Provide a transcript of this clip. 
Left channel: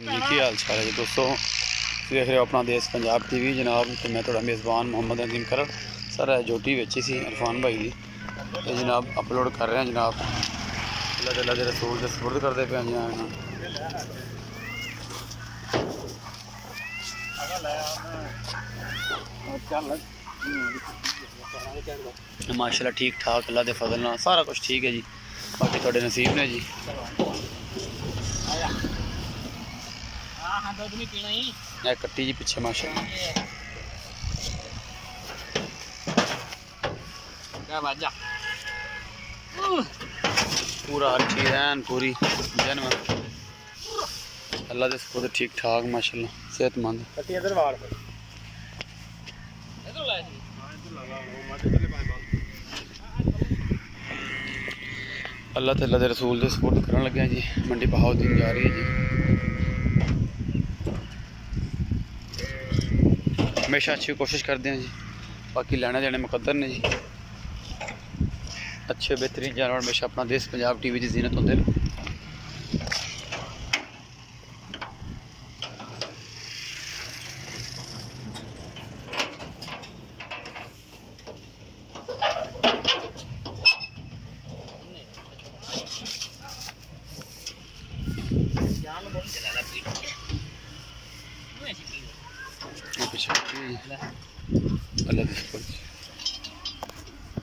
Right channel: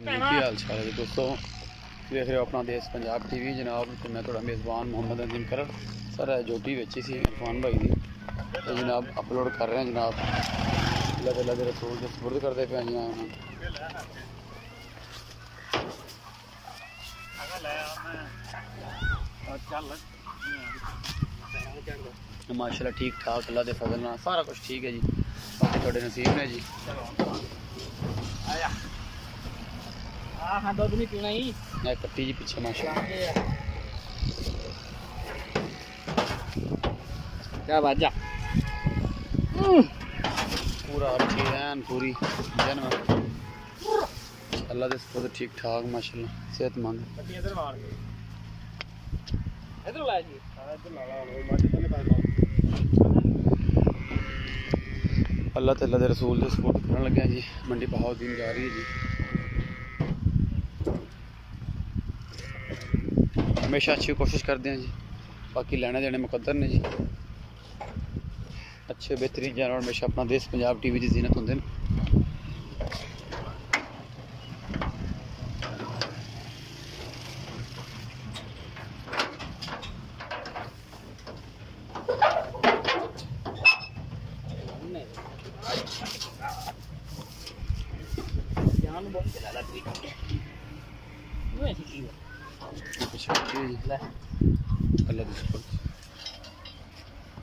की हाल चाल है जी दोस्तों, देख रहे हो अपना देश पंजाब टीवी जनाब। तो मैं थोड़ा मेज़बान मोहम्मद नदीम करड़ सर जोटी बेची सी इरफान भाई की तो जनाब अपलोड कर रहे हैं जनाब। अल्लाह ताला दे रसूल दे सुपुर्द करते पे माशाल्लाह ठीक ठाक अल्लाह के फजल नाल सारा कुछ ठीक है जी। बाकी थोड़े नसीब ने जी। कट्टी जी पिछे माशाल्लाह पूरा अच्छी रहन पूरी जन्म अल्लाह के सुपुर्द ठीक ठाक माशाल्लाह सेहतमंद। अल्लाह ताला दे रसूल दे सुपुर्द करन लगे जी। मंडी बहाउद्दीन जा रही है जी। हमेशा अच्छी कोशिश करते हैं जी। बाकी लेने देने मुकद्दर ने जी। अच्छे बेहतरीन जानवर हमेशा अपना देश पंजाब टीवी की जीनत होंगे। अल्लाह